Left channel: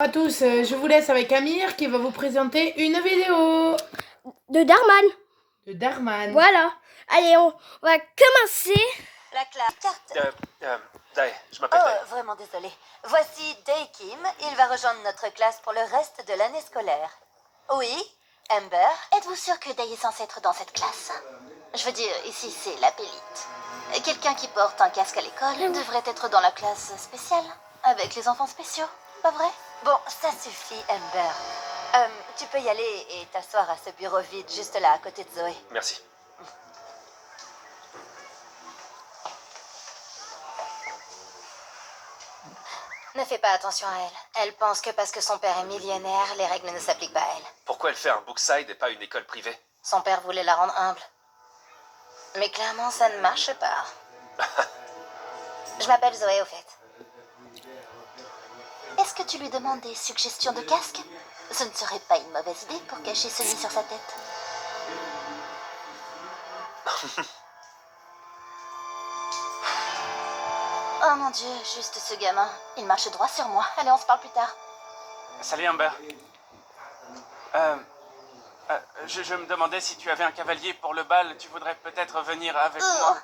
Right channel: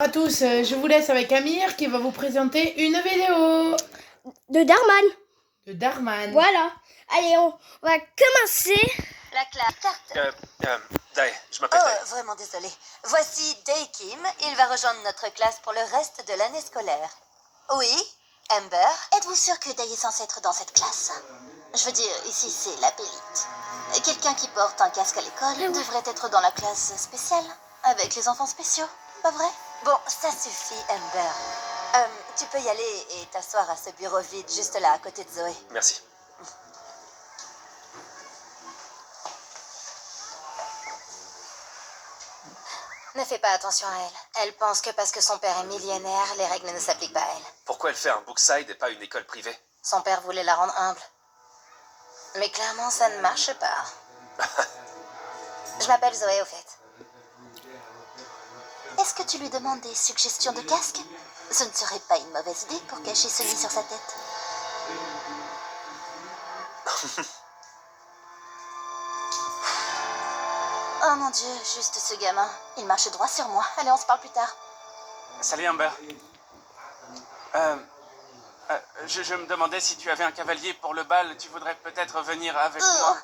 À tous, je vous laisse avec Amir qui va vous présenter une vidéo de Darman. de Darman. Voilà. Allez, on va commencer. La classe. Dai, je m'appelle Dai. Oh, vraiment désolé. Voici Dae Kim. Il va rejoindre notre classe pour le reste de l'année scolaire. Oui, Amber. Êtes-vous sûr que Dae est censé être dans cette classe? Je veux dire, ici c'est la pélite. Quelqu'un qui porte un casque à l'école devrait être dans la classe spéciale, avec les enfants spéciaux, pas vrai? Bon, ça suffit, Amber. Tu peux y aller et t'asseoir à ce bureau vide juste là, à côté de Zoé. Merci. Ne fais pas attention à elle. Elle pense que parce que son père est millionnaire, les règles ne s'appliquent pas à elle. Pourquoi elle fait un Brookside et pas une école privée? Son père voulait la rendre humble. Mais clairement, ça ne marche pas. Je m'appelle Zoé, au fait. Est-ce que tu lui demandes des suggestions de casque? Ce ne serait pas une mauvaise idée pour cacher celui sur sa tête. Oh mon Dieu, juste ce gamin. Il marche droit sur moi. Allez, on se parle plus tard. Salut Amber. Je me demandais si tu avais un cavalier pour le bal, tu voudrais peut-être venir avec moi.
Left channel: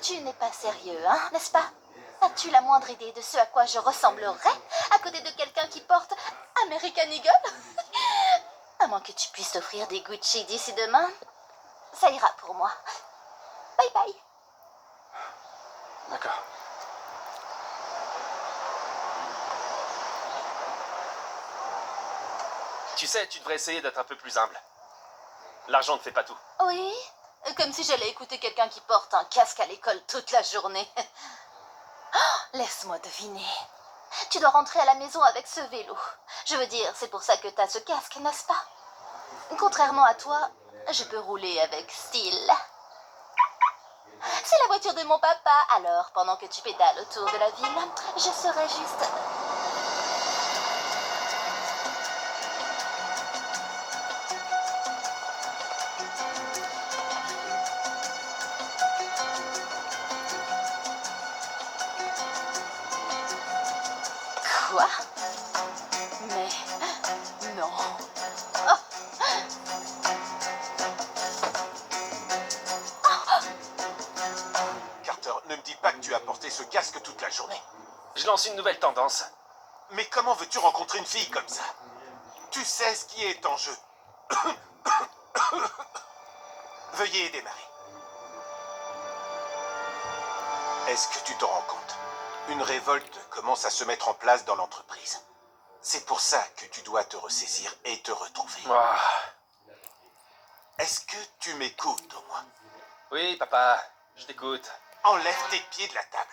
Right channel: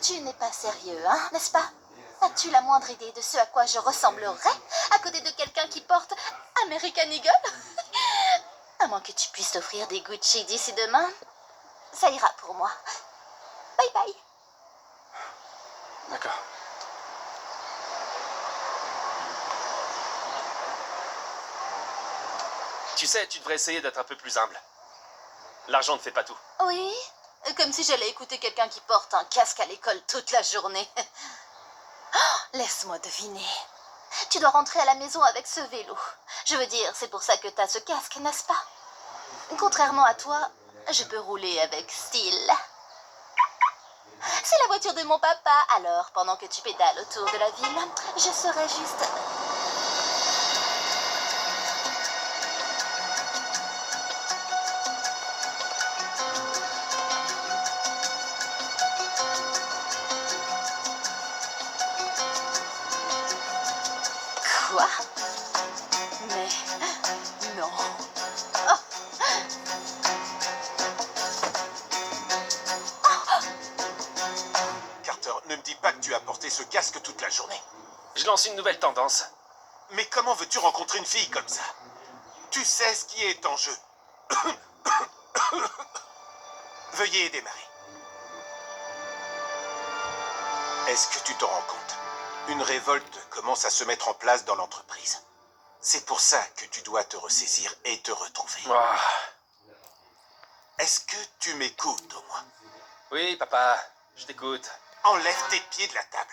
Tu n'es pas sérieux, hein, n'est-ce pas? As-tu la moindre idée de ce à quoi je ressemblerais à côté de quelqu'un qui porte American Eagle? À moins que tu puisses offrir des Gucci d'ici demain, ça ira pour moi. Bye bye. D'accord. Tu sais, tu devrais essayer d'être un peu plus humble. L'argent ne fait pas tout. Oui, comme si j'allais écouter quelqu'un qui porte un casque à l'école toute la journée. Oh, laisse-moi deviner. Tu dois rentrer à la maison avec ce vélo. Je veux dire, c'est pour ça que t'as ce casque, n'est-ce pas? Contrairement à toi, je peux rouler avec style. C'est la voiture de mon papa, alors pendant que tu pédales autour de la ville, je serai juste... Quoi? Mais... non. Carter, ne me dis pas que tu as porté ce casque toute la journée. Je lance une nouvelle tendance. Mais comment veux-tu rencontrer une fille comme ça? Tu sais ce qui est en jeu. Veuillez démarrer. Est-ce que tu t'en rends compte? Une révolte commence à se mettre en place dans l'entreprise. C'est pour ça que tu dois te ressaisir et te retrouver. Ah. Est-ce que tu m'écoutes au moins? Oui, papa, je t'écoute. Enlève tes pieds de la table.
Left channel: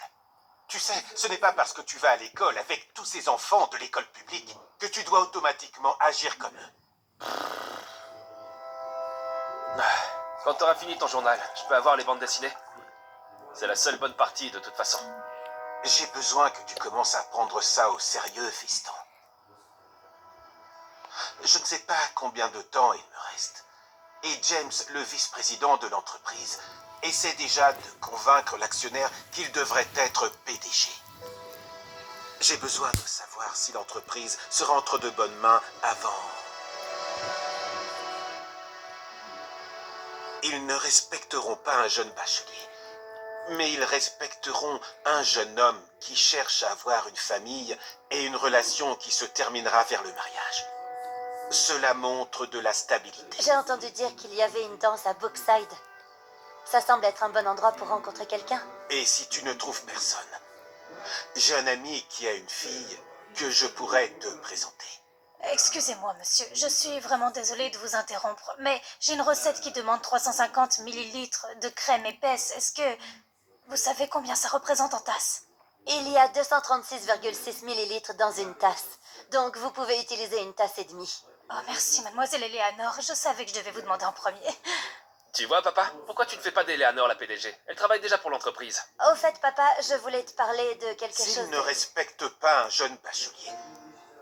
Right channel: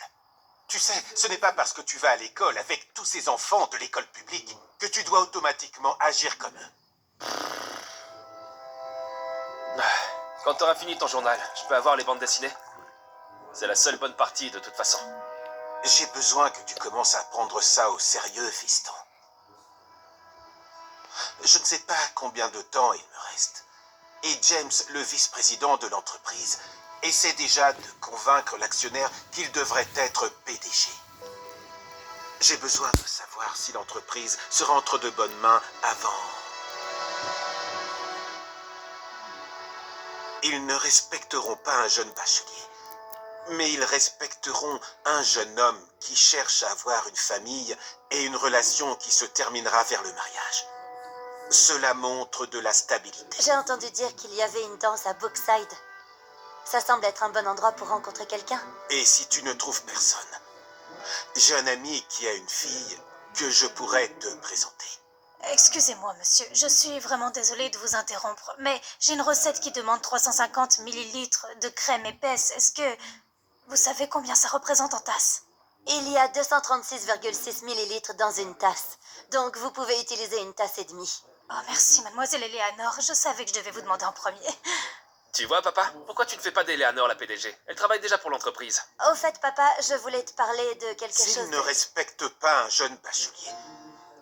Tu sais, ce n'est pas parce que tu vas à l'école avec tous ces enfants de l'école publique que tu dois automatiquement agir comme eux. Quand t'auras fini ton journal, je peux avoir les bandes dessinées? C'est la seule bonne partie de toute façon. J'ai besoin que tu commences à prendre ça au sérieux, fiston. Je ne sais pas combien de temps il me reste. Et James, le vice-président de l'entreprise, essaie déjà de convaincre l'actionnaire qu'il devrait être PDG. J'ai besoin de savoir si l'entreprise sera entre de bonnes mains avant. Ils ne respecteront pas un jeune bachelier, mais ils respecteront un jeune homme qui cherche à avoir une famille et une relation qui se terminera vers le mariage. Cela montre de la stabilité. J'ai entendu dire qu'il y avait une danse à Brookside. Ça semble être un bon endroit pour rencontrer quelqu'un. Et si tu ne trouves personne, j'ai un ami qui a une fille que je pourrais te présenter. Excusez-moi, monsieur, je suis vraiment désolée de vous interrompre, mais j'ai une recette qui demande 350 millilitres de crème épaisse. Est-ce que vous savez combien ça représente en tasse? Il y a 236,6 millilitres dans une tasse, donc vous pouvez utiliser une tasse et demie. Oh, merci, mademoiselle Eleanor, je savais que je devais vous demander en premier. Tu vois, papa, pourquoi tu ne fais pas d'Eleanor la PDG? Elle travaille déjà pour l'entreprise. Au fait, papa, je voulais te parler de quelque chose... S'ils ne respectent pas un jeune bachelier,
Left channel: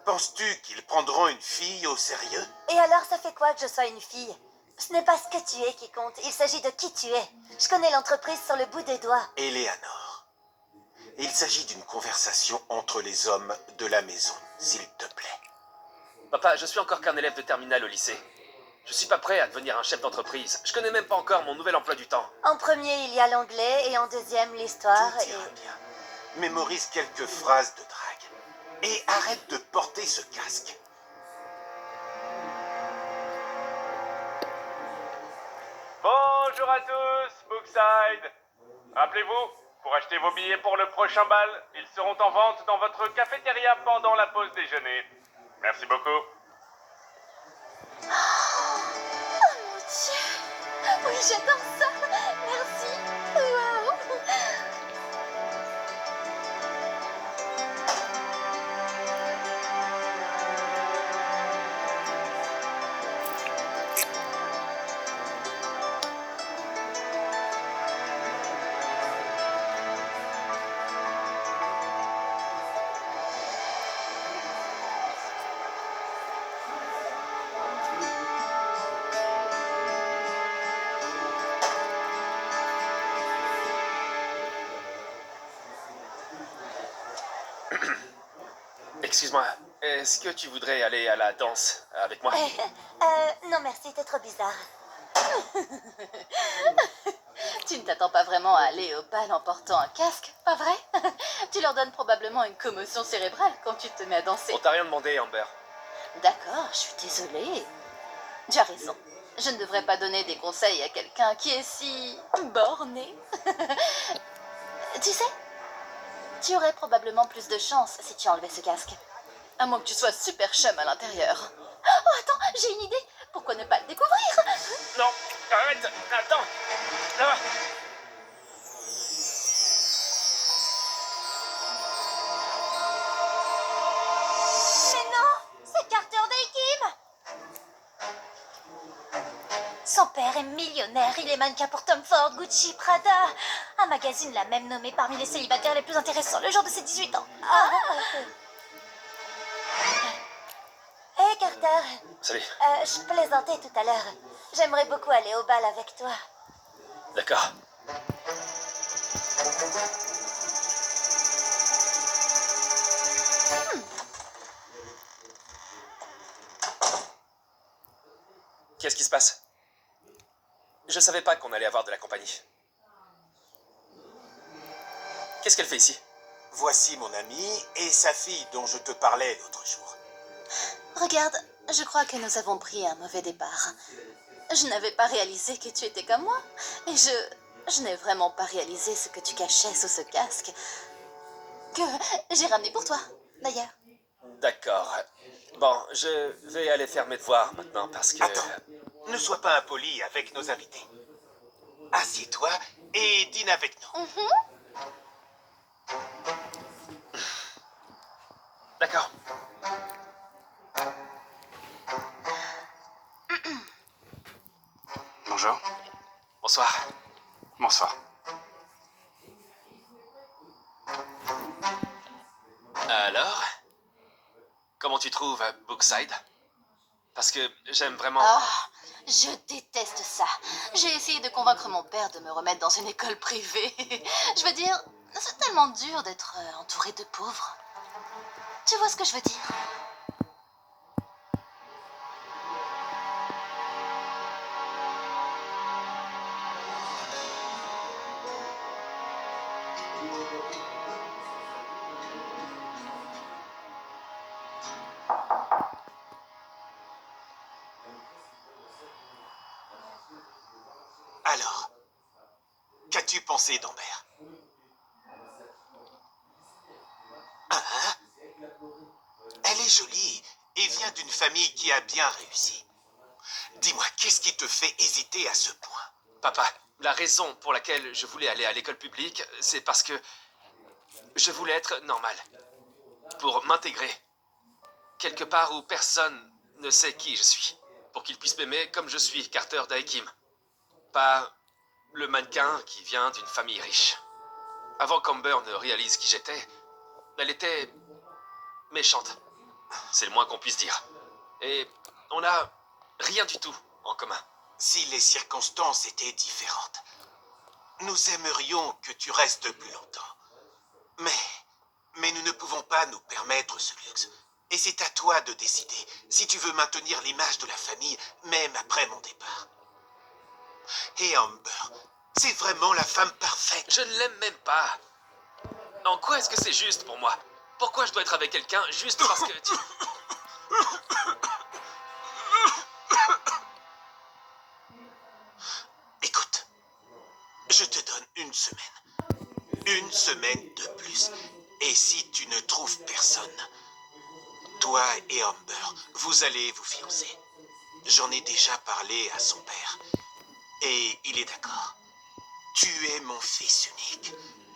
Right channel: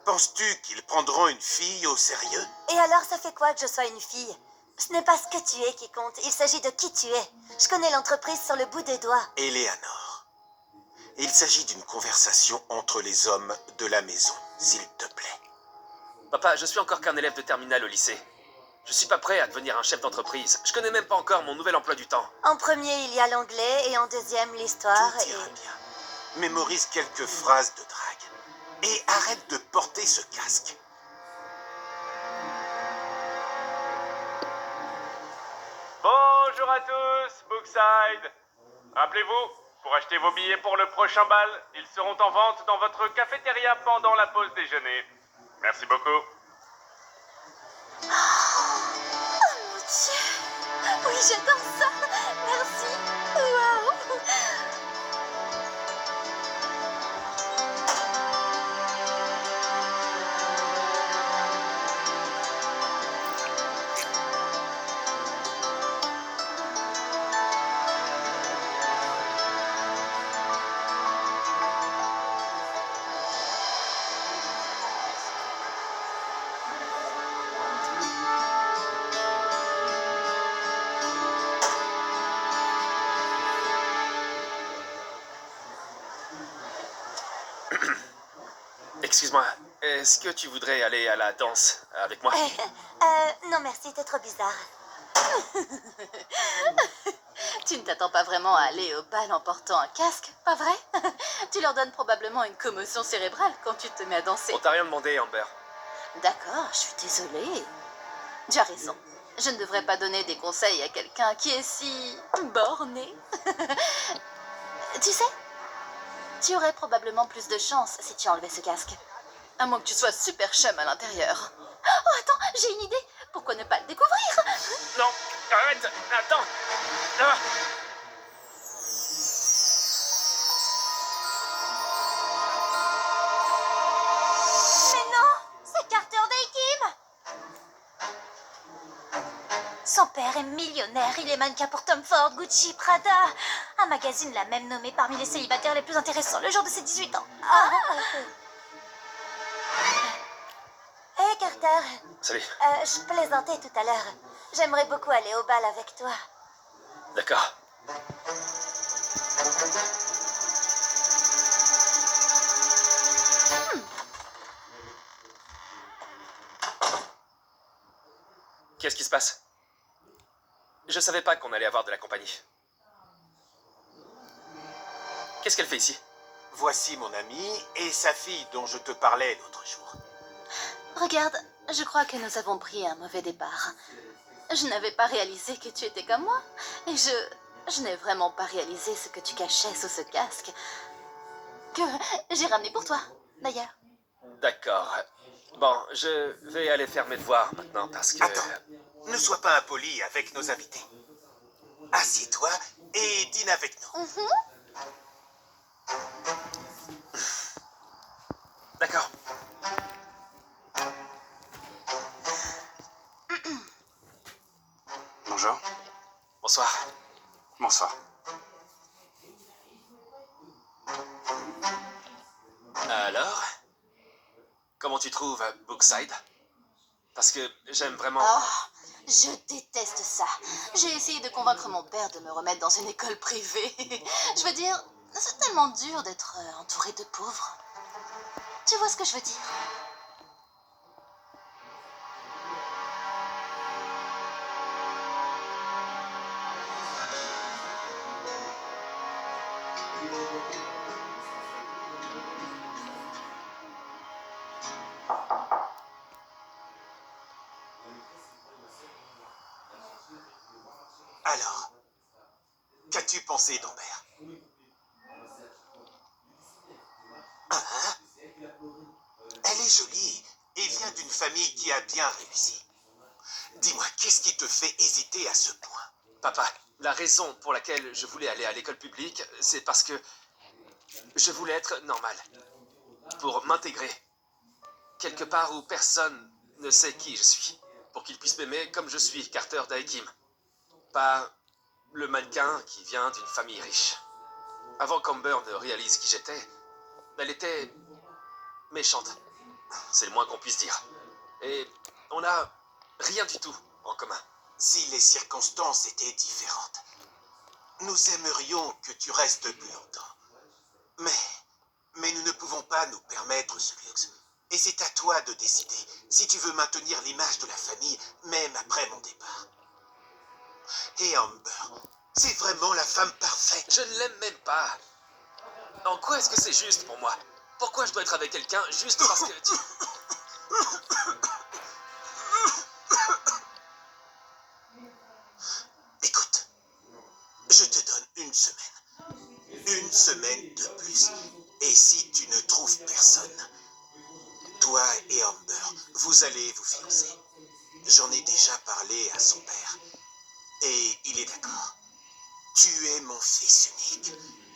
penses-tu qu'ils prendront une fille au sérieux? Et alors, ça fait quoi que je sois une fille? Ce n'est pas ce que tu es qui compte, il s'agit de qui tu es. Je connais l'entreprise sur le bout des doigts. Eleanor, il s'agit d'une conversation entre les hommes de la maison, s'il te plaît. Papa, je suis encore qu'un élève de terminale au lycée. Je suis pas prêt à devenir un chef d'entreprise. Je connais même pas encore mon nouvel emploi du temps. En premier, il y a l'anglais et en deuxième, l'histoire. Tout ira bien. Mémorise quelques phrases de drague. Et arrête de porter ce casque. Bonjour à tous, Bookside. Rappelez-vous, pour acheter vos billets pour le prochain bal, ils seront en vente dans votre cafétéria pendant la pause déjeuner. Merci beaucoup. Mon Dieu! Oui, j'adore ça! Merci! Waouh! Excuse-moi, est-ce que tu voudrais aller à la danse avec moi? Non merci, t'es trop bizarre. Tu ne t'attends pas vraiment à aller au bal en portant un casque, pas vrai? Tu leur donnes probablement une commotion cérébrale quand tu te mets à danser. On t'a rien demandé, Amber. D'accord, je suis désolée. Tu as raison. Je ne devrais pas donner des conseils à quelqu'un qui est si borné. Tu sais, tu aurais probablement plus de chance si tu enlevais ce casque. À moins que tu sois super chum à l'intérieur. Oh, attends, j'ai une idée. Pourquoi ne pas le découvrir? Non, arrête, attends. Ah. Mais non, c'est Carter Day Kim. Son père est millionnaire, il est mannequin pour Tom Ford, Gucci, Prada. Un magazine l'a même nommé parmi les célibataires les plus intéressants le jour de ses 18 ans. Hé Carter, Salut. je plaisantais tout à l'heure. J'aimerais beaucoup aller au bal avec toi. D'accord. Qu'est-ce qui se passe? Je savais pas qu'on allait avoir de la compagnie. Qu'est-ce qu'elle fait ici? Voici mon ami et sa fille dont je te parlais l'autre jour. Regarde, je crois que nous avons pris un mauvais départ. Je n'avais pas réalisé que tu étais comme moi. Et je n'ai vraiment pas réalisé ce que tu cachais sous ce casque. Que j'ai ramené pour toi, d'ailleurs. D'accord. Bon, je vais aller faire mes devoirs maintenant parce que... Attends, ne sois pas impoli avec nos invités. Assieds-toi et dîne avec nous. D'accord. Bonjour. Bonsoir. Bonsoir. Alors? Comment tu trouves Bookside? Parce que j'aime vraiment... Oh, je déteste ça. J'ai essayé de convaincre mon père de me remettre dans une école privée. Je veux dire, c'est tellement dur d'être entouré de pauvres. Tu vois ce que je veux dire? Alors, qu'as-tu pensé d'Amber? Hein? Elle est jolie et vient d'une famille qui a bien réussi. Dis-moi, qu'est-ce qui te fait hésiter à ce point? Papa, la raison pour laquelle je voulais aller à l'école publique, c'est parce que je voulais être normal. Pour m'intégrer. Quelque part où personne ne sait qui je suis. Pour qu'ils puissent m'aimer comme je suis, Carter Day Kim. Pas le mannequin qui vient d'une famille riche. Avant qu'Amber ne réalise qui j'étais, elle était méchante. C'est le moins qu'on puisse dire. Et on n'a rien du tout en commun. Si les circonstances étaient différentes, nous aimerions que tu restes plus longtemps. Mais nous ne pouvons pas nous permettre ce luxe. Et c'est à toi de décider si tu veux maintenir l'image de la famille, même après mon départ. Et Amber, c'est vraiment la femme parfaite. Je ne l'aime même pas. En quoi est-ce que c'est juste pour moi? Pourquoi je dois être avec quelqu'un juste parce que tu... Écoute, je te donne une semaine. Une semaine de plus. Et si tu ne trouves personne, toi et Amber, vous allez vous fiancer. J'en ai déjà parlé à son père. Et il est d'accord. Tu es mon fils unique.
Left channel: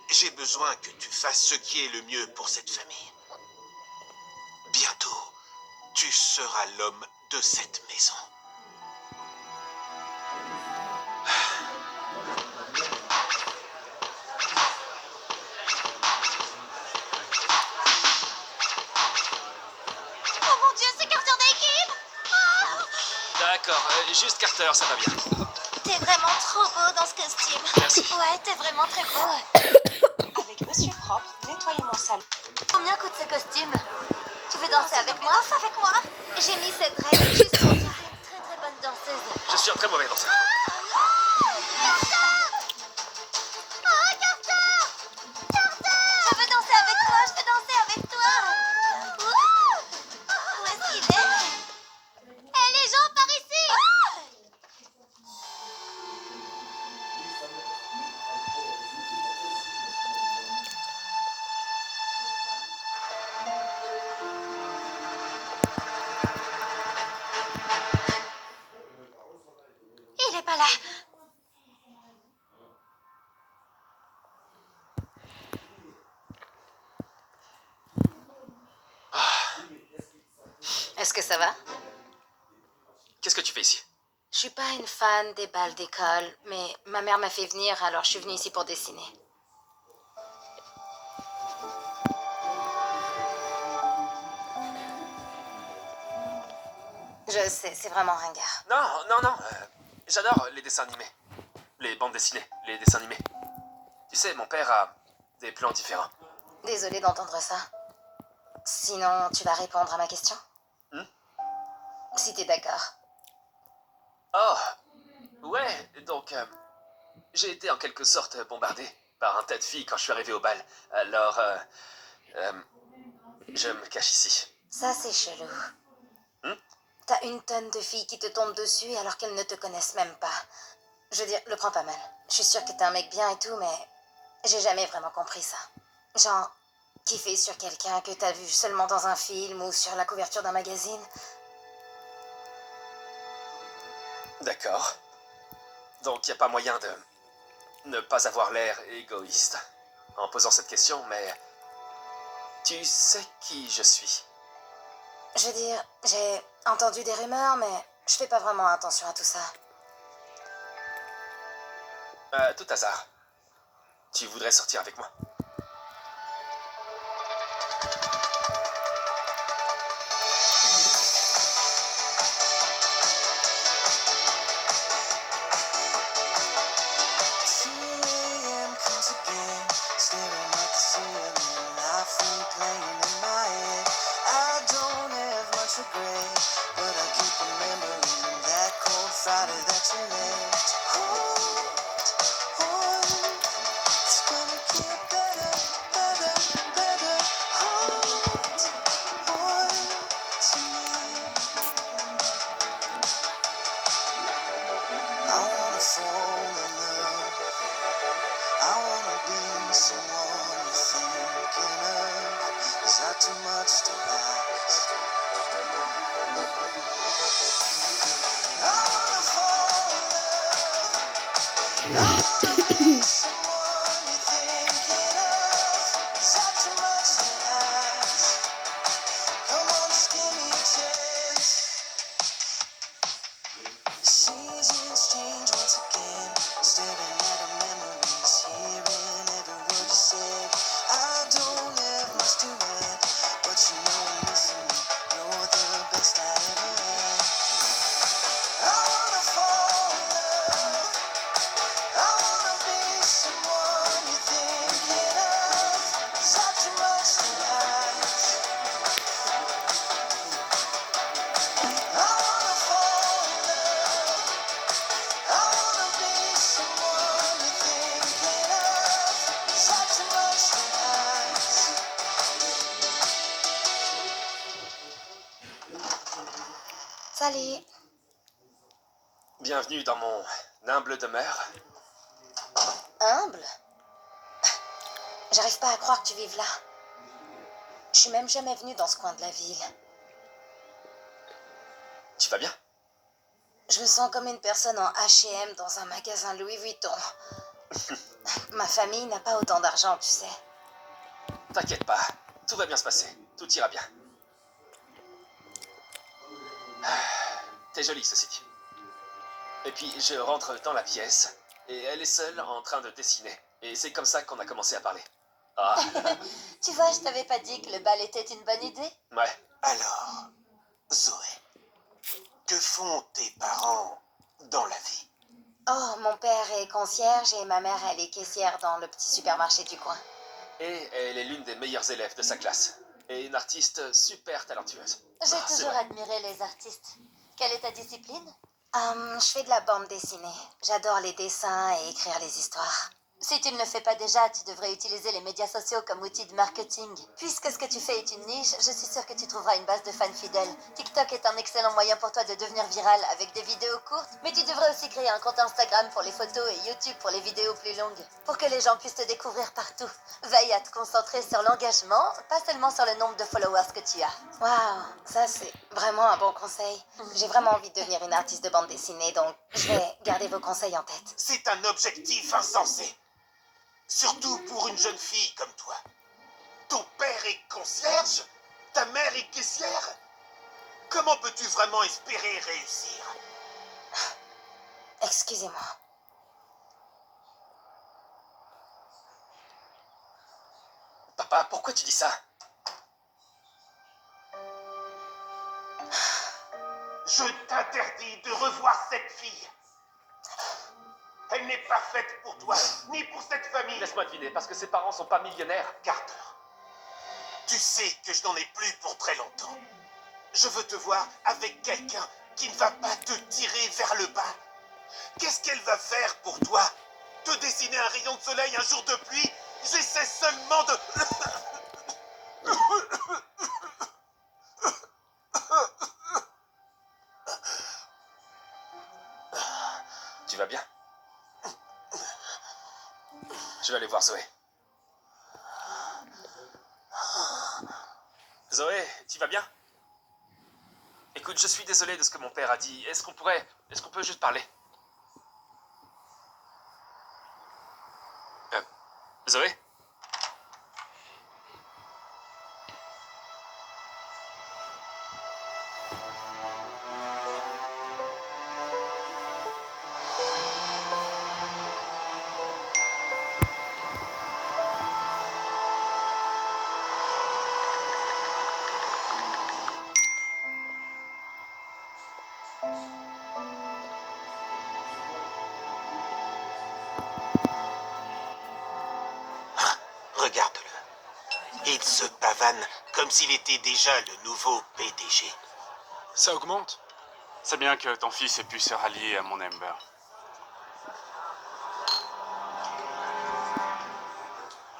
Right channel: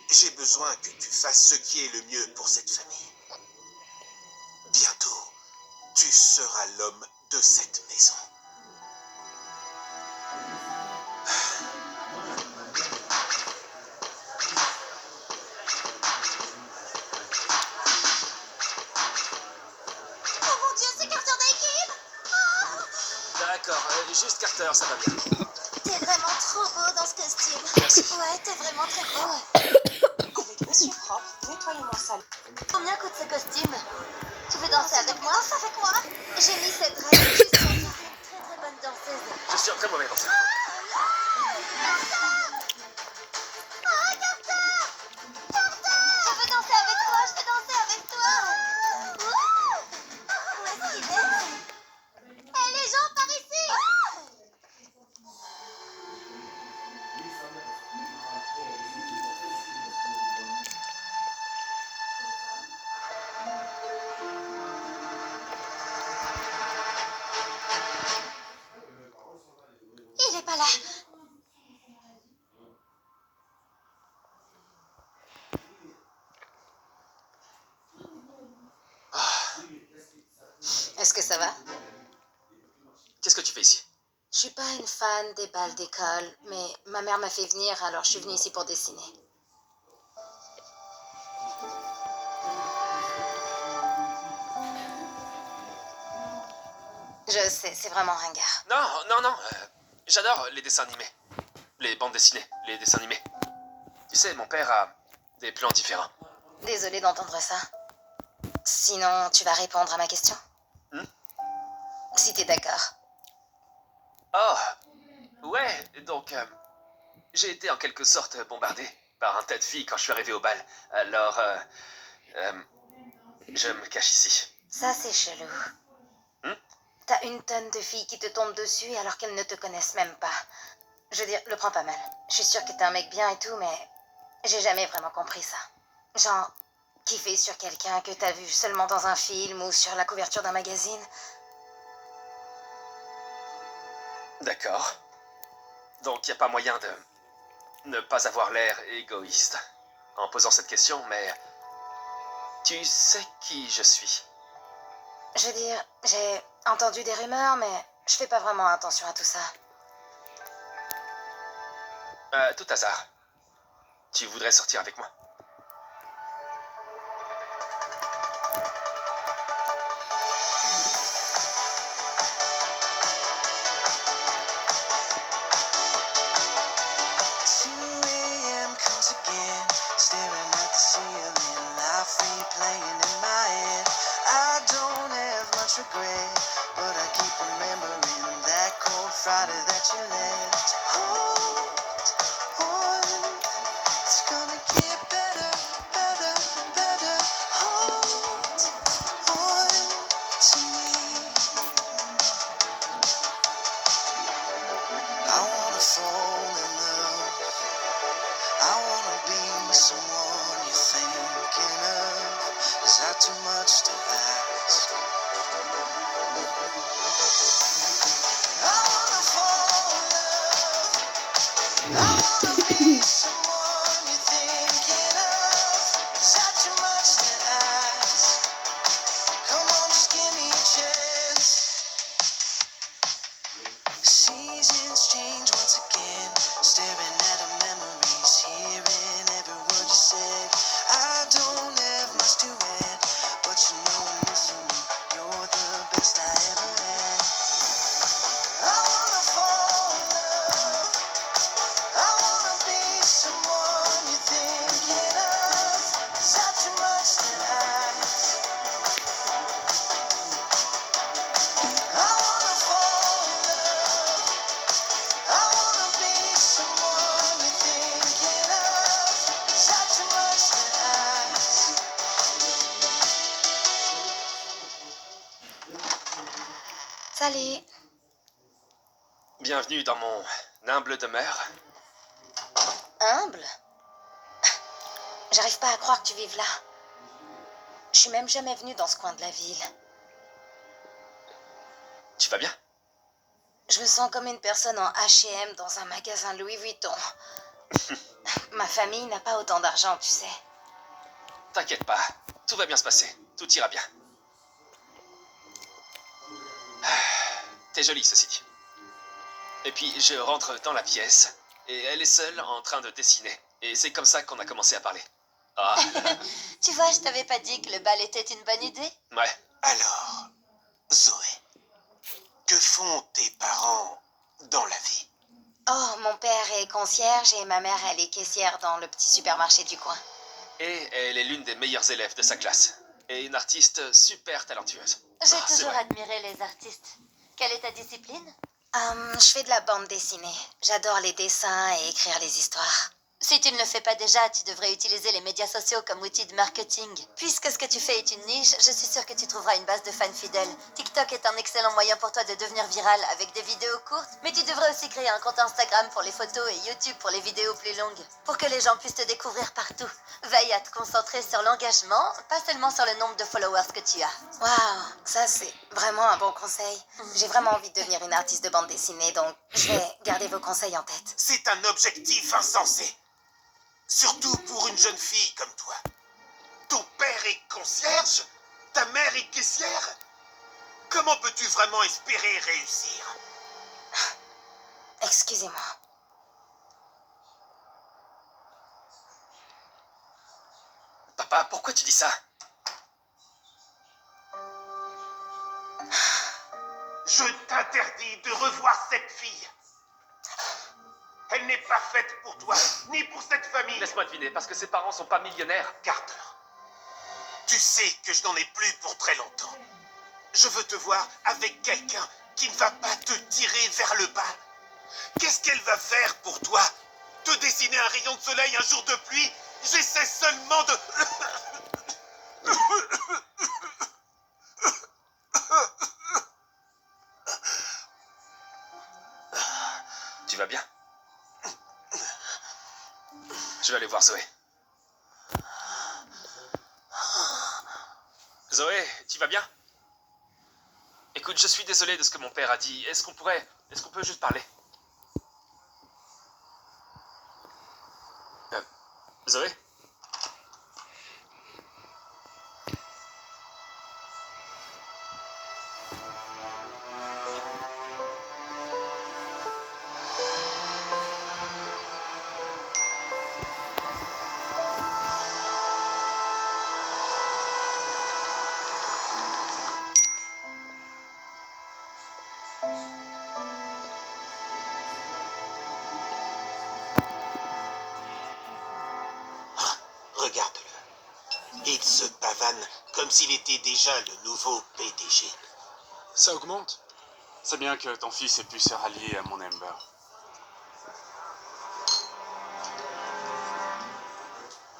J'ai besoin que tu fasses ce qui est le mieux pour cette famille. Bientôt, tu seras l'homme de cette maison. Oh mon Dieu, c'est Carter Daykim! D'accord, juste Carter, ça va bien. T'es vraiment trop beau dans ce costume. Merci. Ouais, t'es vraiment très beau. Avec Monsieur Propre, nettoyez mon salon. Combien coûte ce costume? Tu veux danser avec moi? Danse avec moi? J'ai mis cette règle juste pour toi. Une très très bonne danseuse. Je suis un très mauvais danseur. Je veux danser avec toi, je veux danser avec toi. Wouh! Où est-ce qu'il est? Hé les gens, par ici! Il est pas là. Est-ce que ça va? Qu'est-ce que tu fais ici? Je suis pas une fan des balles d'école, mais ma mère m'a fait venir, alors je suis venue ici pour dessiner. Je sais, c'est vraiment ringard. Non. J'adore les dessins animés. Les bandes dessinées, les dessins animés. Tu sais, mon père a des plans différents. Désolée d'entendre ça. Sinon, tu vas répondre à ma question? Si t'es d'accord. Oh, ouais, donc, j'ai été en quelque sorte bombardé par un tas de filles quand je suis arrivé au bal. Alors, je me cache ici. Ça, c'est chelou. T'as une tonne de filles qui te tombent dessus alors qu'elles ne te connaissent même pas. Je veux dire, le prends pas mal. Je suis sûre que t'es un mec bien et tout, mais j'ai jamais vraiment compris ça. Genre, kiffer sur quelqu'un que t'as vu seulement dans un film ou sur la couverture d'un magazine. D'accord. Donc, il n'y a pas moyen de ne pas avoir l'air égoïste en posant cette question, mais tu sais qui je suis. Je veux dire, j'ai entendu des rumeurs, mais je fais pas vraiment attention à tout ça. À tout hasard, tu voudrais sortir avec moi? Salut. Bienvenue dans mon humble demeure. Humble? J'arrive pas à croire que tu vives là. Je suis même jamais venue dans ce coin de la ville. Tu vas bien? Je me sens comme une personne en H&M dans un magasin Louis Vuitton. Ma famille n'a pas autant d'argent, tu sais. T'inquiète pas, tout va bien se passer. Tout ira bien. T'es jolie, ceci dit. Et puis, je rentre dans la pièce, et elle est seule en train de dessiner. Et c'est comme ça qu'on a commencé à parler. Ah, Tu vois, je t'avais pas dit que le bal était une bonne idée? ouais. Alors, Zoé, que font tes parents dans la vie? Oh, mon père est concierge et ma mère, elle est caissière dans le petit supermarché du coin. Et elle est l'une des meilleures élèves de sa classe. Et une artiste super talentueuse. J'ai Ah, c'est toujours vrai. admiré les artistes. Quelle est ta discipline? Je fais de la bande dessinée. J'adore les dessins et écrire les histoires. Si tu ne le fais pas déjà, tu devrais utiliser les médias sociaux comme outil de marketing. Puisque ce que tu fais est une niche, je suis sûre que tu trouveras une base de fans fidèles. TikTok est un excellent moyen pour toi de devenir viral avec des vidéos courtes, mais tu devrais aussi créer un compte Instagram pour les photos et YouTube pour les vidéos plus longues, pour que les gens puissent te découvrir partout. Veille à te concentrer sur l'engagement, pas seulement sur le nombre de followers que tu as. Waouh, ça c'est vraiment un bon conseil. J'ai vraiment envie de devenir une artiste de bande dessinée, donc je vais garder vos conseils en tête. C'est un objectif insensé. Surtout pour une jeune fille comme toi. Ton père est concierge? Ta mère est caissière? Comment peux-tu vraiment espérer réussir? Excusez-moi. Papa, pourquoi tu dis ça? Je t'interdis de revoir cette fille. Elle n'est pas faite pour toi, ni pour cette famille. Laisse-moi deviner, parce que ses parents sont pas millionnaires. Carter, tu sais que je n'en ai plus pour très longtemps. Je veux te voir avec quelqu'un qui ne va pas te tirer vers le bas. Qu'est-ce qu'elle va faire pour toi? Te dessiner un rayon de soleil un jour de pluie? J'essaie seulement de... Tu vas bien? Je vais aller voir Zoé. Zoé, tu vas bien? Écoute, je suis désolé de ce que mon père a dit. Est-ce qu'on peut juste parler? Zoé? Regarde-le. Il se pavane comme s'il était déjà le nouveau PDG. Ça augmente. C'est bien que ton fils ait pu se rallier à mon Amber.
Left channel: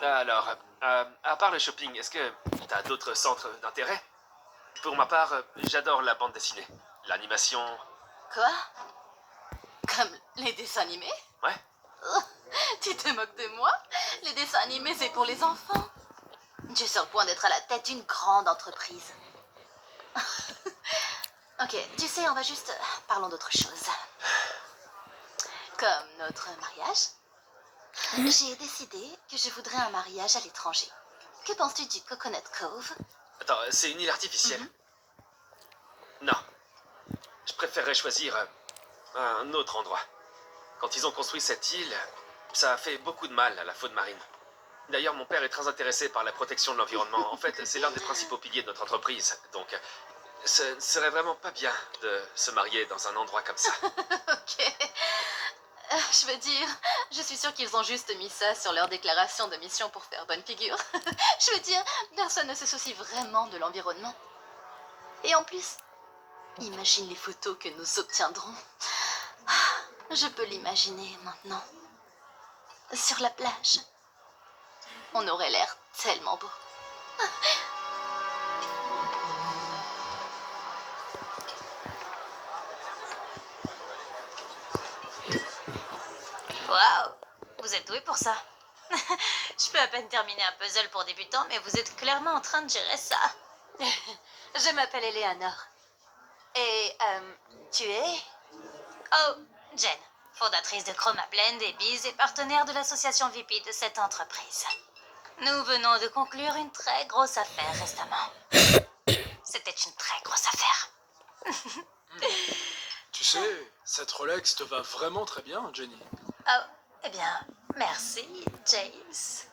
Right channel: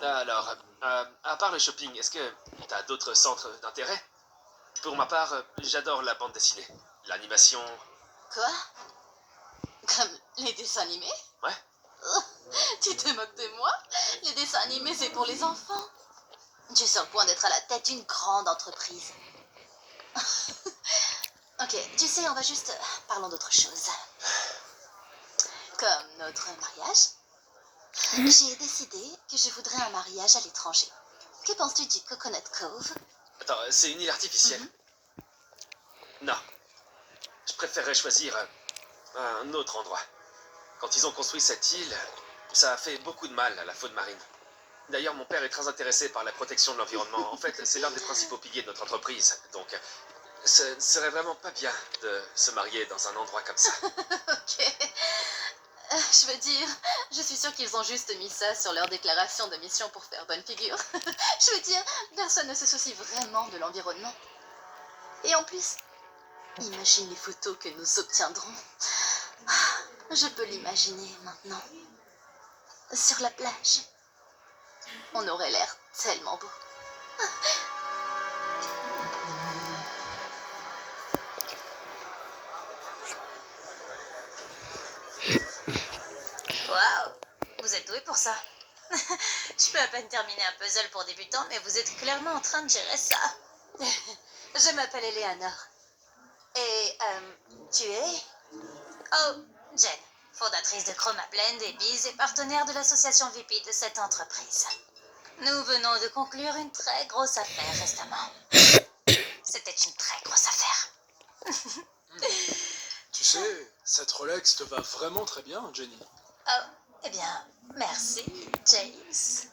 Alors, à part le shopping, est-ce que t'as d'autres centres d'intérêt? Pour ma part, j'adore la bande dessinée. L'animation... Quoi? Comme les dessins animés? Ouais. Tu te moques de moi? Les dessins animés, c'est pour les enfants. Tu es sur le point d'être à la tête d'une grande entreprise. Ok, tu sais, on va juste... Parlons d'autre chose. Comme notre mariage. J'ai décidé que je voudrais un mariage à l'étranger. Que penses-tu du Coconut Cove? Attends, c'est une île artificielle? Non. Je préférerais choisir un autre endroit. Quand ils ont construit cette île, ça a fait beaucoup de mal à la faune marine. D'ailleurs, mon père est très intéressé par la protection de l'environnement. En fait, c'est l'un des principaux piliers de notre entreprise. Donc, ce ne serait vraiment pas bien de se marier dans un endroit comme ça. Ok. Je veux dire, je suis sûre qu'ils ont juste mis ça sur leur déclaration de mission pour faire bonne figure. Je veux dire, personne ne se soucie vraiment de l'environnement. Et en plus, imagine les photos que nous obtiendrons. Je peux l'imaginer maintenant. Sur la plage. On aurait l'air tellement beau. Vous êtes doué pour ça. Je peux à peine terminer un puzzle pour débutants, mais vous êtes clairement en train de gérer ça. Je m'appelle Eleanor. Et, tu es? Oh, Jen, fondatrice de Chroma Blend et Biz et partenaire de l'association VP de cette entreprise. Nous venons de conclure une très grosse affaire récemment. C'était une très grosse affaire. Tu sais, cette Rolex te va vraiment très bien, Jenny. Oh, eh bien, merci, James.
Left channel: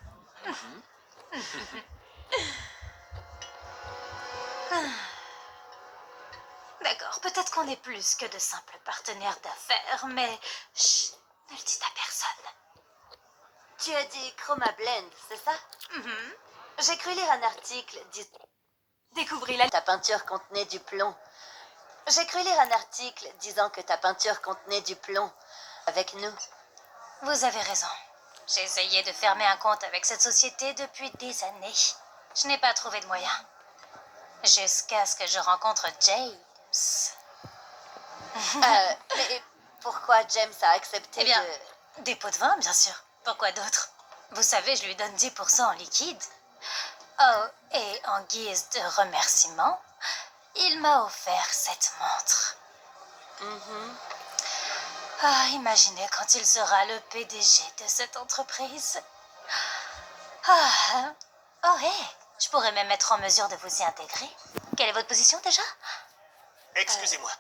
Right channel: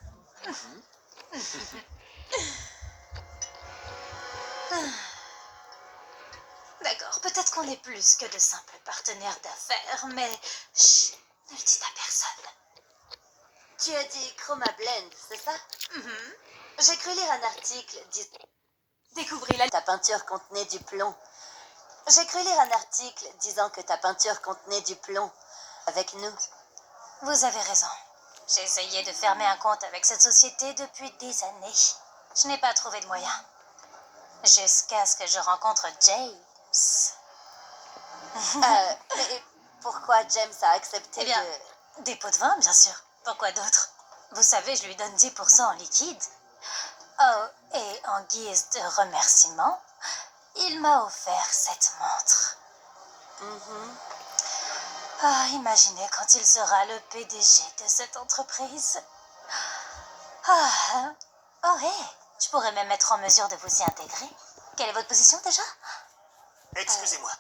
D'accord, peut-être qu'on est plus que de simples partenaires d'affaires, mais chut, ne le dites à personne. Tu as dit Chroma Blend, c'est ça? J'ai cru lire un article Découvrez ta peinture contenait du plomb. J'ai cru lire un article disant que ta peinture contenait du plomb avec nous. Vous avez raison. J'ai essayé de fermer un compte avec cette société depuis des années. Je n'ai pas trouvé de moyen. Jusqu'à ce que je rencontre James. Mais pourquoi James a accepté Eh bien, de... des pots de vin, bien sûr. Pourquoi d'autre? Vous savez, je lui donne 10% en liquide. Oh, et en guise de remerciement, il m'a offert cette montre. Ah, imaginez quand il sera le PDG de cette entreprise. Ah, oh, hé, je pourrais même être en mesure de vous y intégrer. Quelle est votre position déjà? Excusez-moi.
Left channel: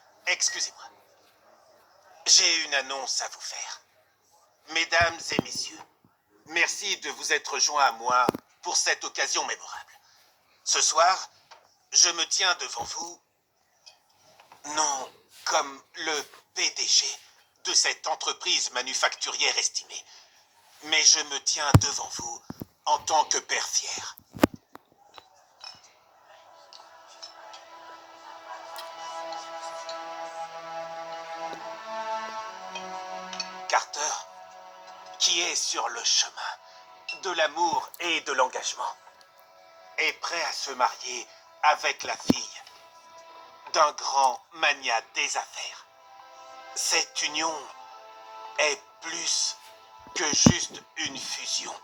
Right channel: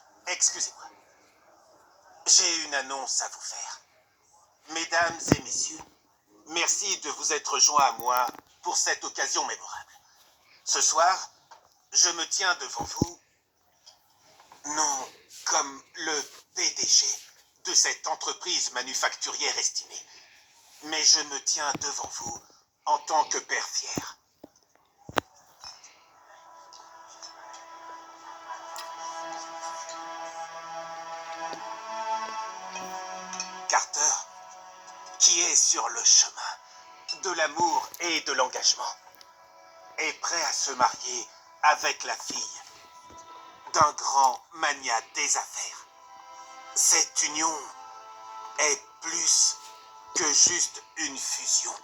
J'ai une annonce à vous faire. Mesdames et messieurs, merci de vous être joints à moi pour cette occasion mémorable. Ce soir, je me tiens devant vous, non comme le PDG de cette entreprise manufacturière estimée, mais je me tiens devant vous en tant que père fier. Carter, qui est sur le chemin de l'amour et de l'engagement, est prêt à se marier avec la fille d'un grand magnat des affaires. Cette union est plus que juste une fusion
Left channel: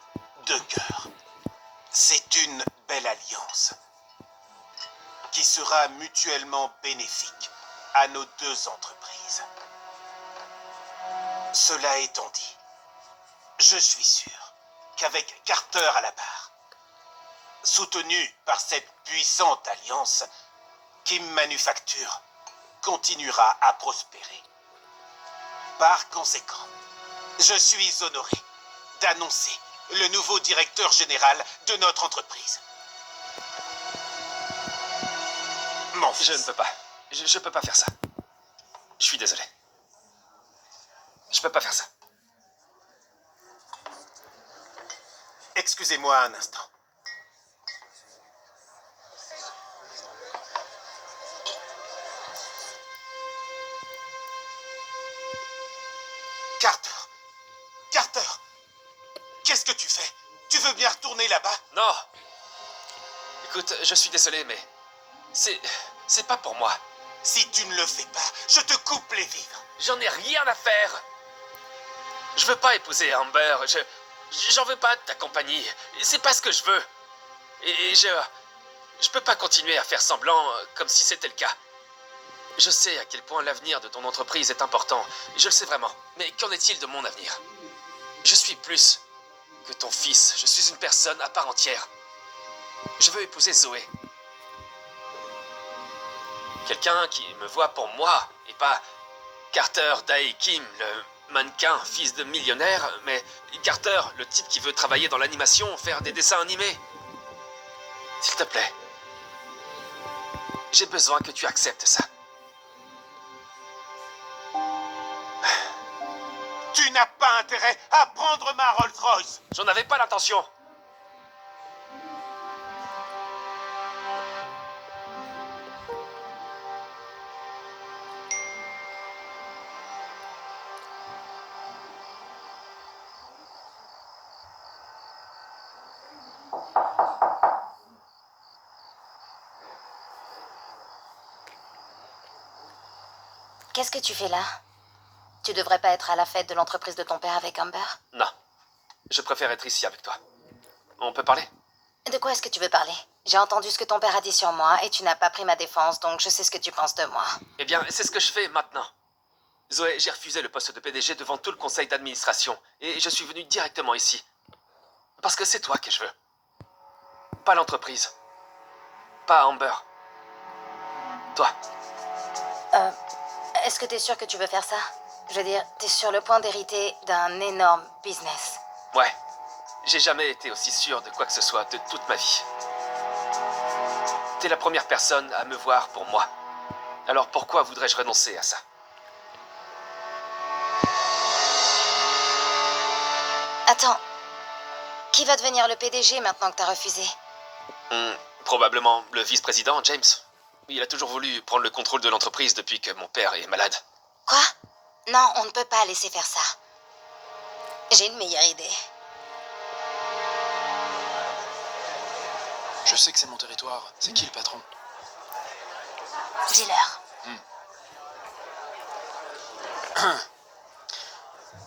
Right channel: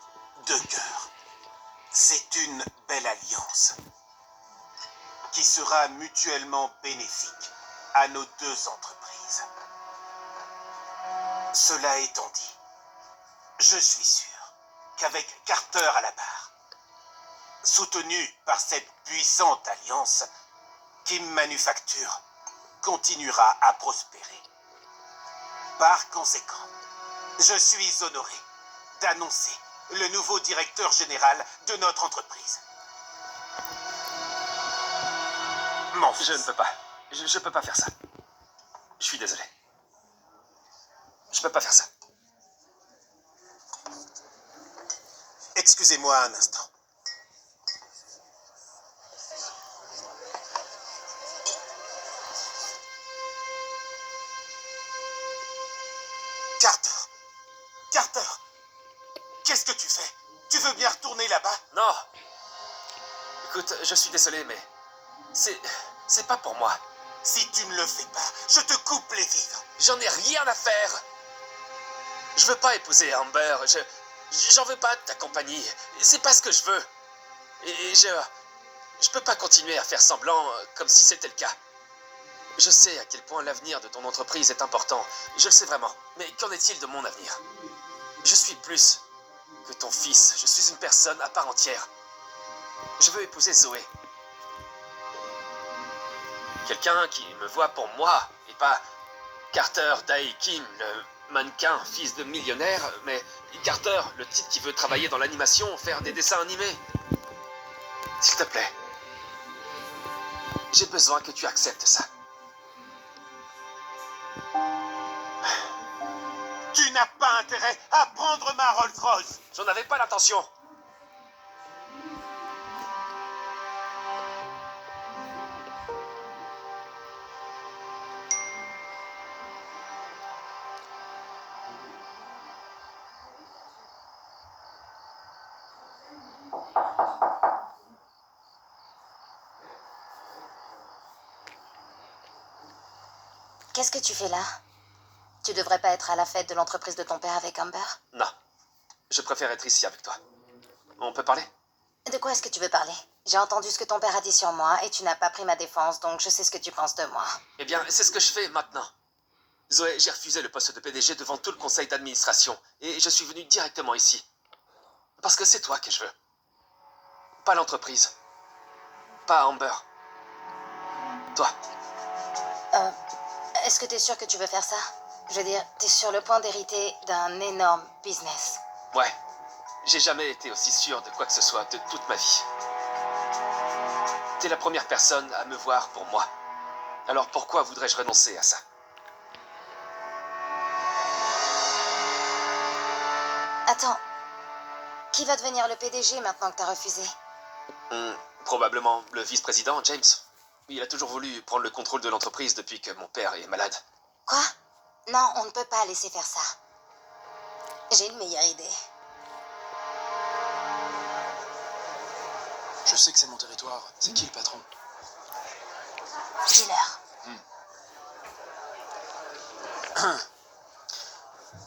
de cœurs. C'est une belle alliance qui sera mutuellement bénéfique à nos deux entreprises. Cela étant dit, je suis sûr qu'avec Carter à la barre, soutenu par cette puissante alliance, Kim Manufacture continuera à prospérer. Par conséquent, je suis honoré d'annoncer le nouveau directeur général de notre entreprise. Mon fils. Je ne peux pas. Je peux pas faire ça. Je suis désolé. Je peux pas faire ça. Excusez-moi un instant. Carter, qu'est-ce que tu fais? Tu veux bien retourner là-bas? Non. Écoute, je suis désolé, mais c'est pas pour moi. Si tu ne le fais pas, je te coupe les vivres. J'en ai rien à faire. Je veux pas épouser Amber. J'en veux pas de ta compagnie. C'est pas ce que je veux. Et je peux pas continuer à faire semblant comme si c'était le cas. Je sais à quel point l'avenir de ton entreprise est important. Je le sais vraiment. Mais qu'en est-il de mon avenir? Je suis plus que ton fils. Je suis une personne à part entière. Je veux épouser Zoé. Quelqu'un qui me voit pour moi, et pas Carter Dae Kim, le mannequin, fils de millionnaire, mais Carter, le type qui veut travailler dans l'animation, faire des dessins animés. S'il te plaît, j'ai besoin que tu acceptes ça. Tu n'as pas intérêt à prendre ma Rolls-Royce. J'en avais pas l'intention. Qu'est-ce que tu fais là? Tu devrais pas être à la fête de l'entreprise de ton père avec Amber? Non. je préfère être ici avec toi. On peut parler? De quoi est-ce que tu veux parler? J'ai entendu ce que ton père a dit sur moi et tu n'as pas pris ma défense, donc je sais ce que tu penses de moi. Eh bien, c'est ce que je fais maintenant. Zoé, j'ai refusé le poste de PDG devant tout le conseil d'administration et je suis venu directement ici. Parce que c'est toi que je veux. Pas l'entreprise. Pas Amber. Toi. Est-ce que t'es sûr que tu veux faire ça? Je veux dire, t'es sur le point d'hériter d'un énorme business. Ouais. J'ai jamais été aussi sûr de quoi que ce soit de toute ma vie. T'es la première personne à me voir pour moi. Alors pourquoi voudrais-je renoncer à ça? Attends. Qui va devenir le PDG maintenant que t'as refusé? Probablement le vice-président, James. Il a toujours voulu prendre le contrôle de l'entreprise depuis que mon père est malade. Quoi? Non, on ne peut pas laisser faire ça. J'ai une meilleure idée. Je sais que c'est mon territoire. C'est qui le patron? Dis-leur.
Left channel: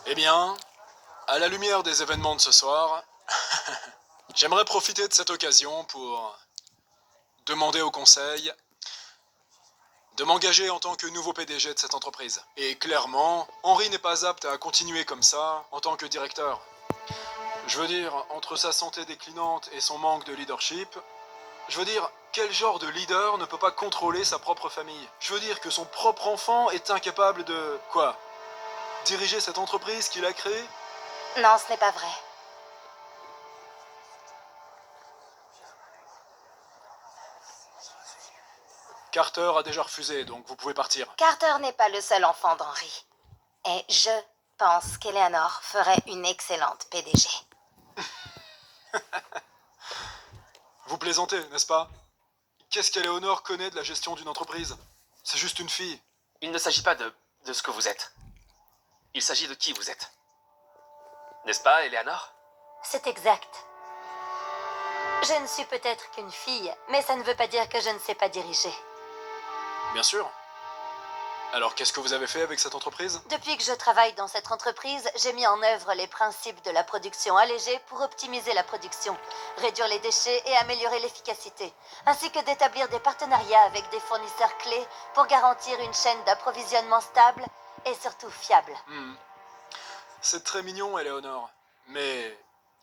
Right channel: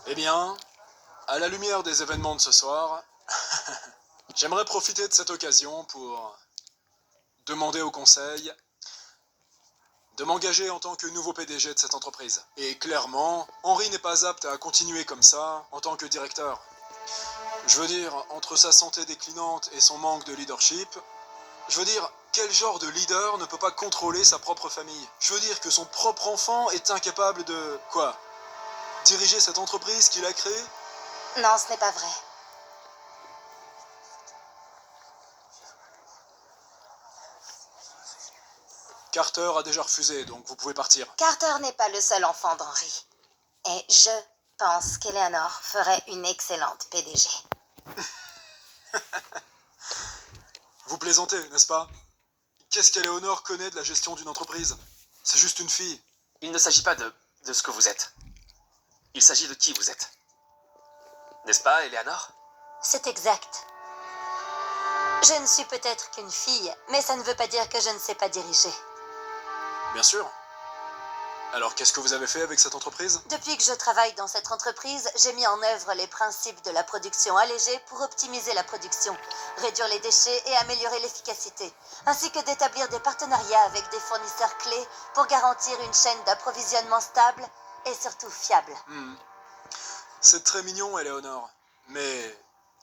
Eh bien, à la lumière des événements de ce soir, j'aimerais profiter de cette occasion pour demander au conseil de m'engager en tant que nouveau PDG de cette entreprise. Et clairement, Henry n'est pas apte à continuer comme ça en tant que directeur. Je veux dire, entre sa santé déclinante et son manque de leadership, je veux dire, quel genre de leader ne peut pas contrôler sa propre famille? Je veux dire que son propre enfant est incapable de... quoi? Diriger cette entreprise qu'il a créée? Non, ce n'est pas vrai. Carter a déjà refusé, donc vous pouvez partir. Carter n'est pas le seul enfant d'Henry. Et je pense qu'Eleanor ferait une excellente PDG. Vous plaisantez, n'est-ce pas? Qu'est-ce qu'Eleanor connaît de la gestion d'une entreprise? C'est juste une fille. Il ne s'agit pas de ce que vous êtes. Il s'agit de qui vous êtes. N'est-ce pas, Eleanor? C'est exact. Je ne suis peut-être qu'une fille, mais ça ne veut pas dire que je ne sais pas diriger. Bien sûr. Alors, qu'est-ce que vous avez fait avec cette entreprise? Depuis que je travaille dans cette entreprise, j'ai mis en œuvre les principes de la production allégée pour optimiser la production, réduire les déchets et améliorer l'efficacité, ainsi que d'établir des partenariats avec des fournisseurs clés pour garantir une chaîne d'approvisionnement stable et surtout fiable. C'est très mignon, Eleanor. Mais,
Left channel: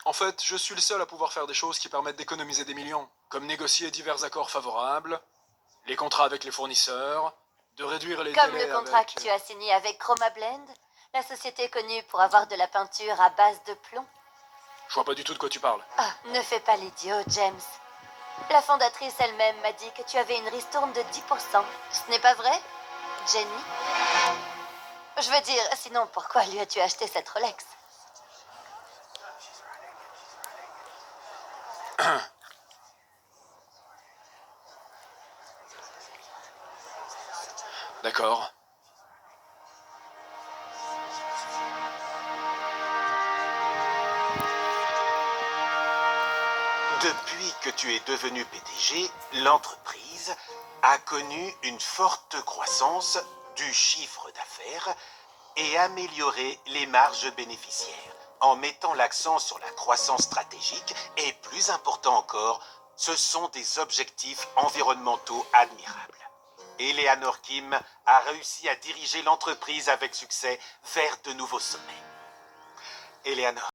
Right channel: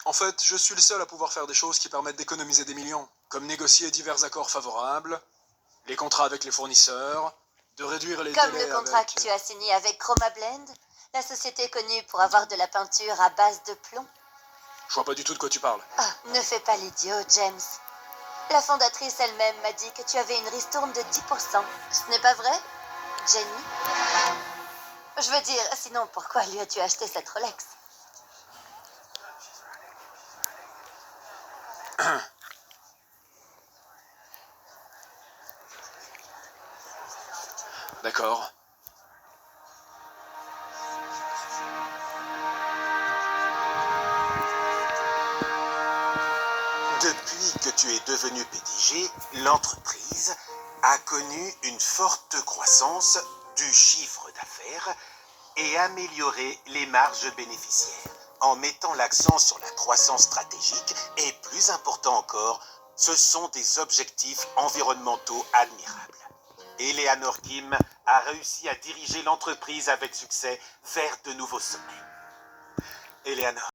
en fait, je suis le seul à pouvoir faire des choses qui permettent d'économiser des millions, comme négocier divers accords favorables, les contrats avec les fournisseurs, de réduire les Comme délais le contrat avec... que tu as signé avec Chroma Blend, la société connue pour avoir de la peinture à base de plomb. Je vois pas du tout de quoi tu parles. Ah, ne fais pas l'idiot, James. La fondatrice elle-même m'a dit que tu avais une ristourne de 10%. Ce n'est pas vrai, Jenny? Je veux dire, sinon pourquoi lui as-tu acheté cette Rolex? D'accord. Depuis que tu es devenu PDG, l'entreprise a connu une forte croissance du chiffre d'affaires et amélioré les marges bénéficiaires en mettant l'accent sur la croissance stratégique et, plus important encore, ce sont des objectifs environnementaux admirables. Eleanor Kim a réussi à diriger l'entreprise avec succès vers de nouveaux sommets. Eleanor,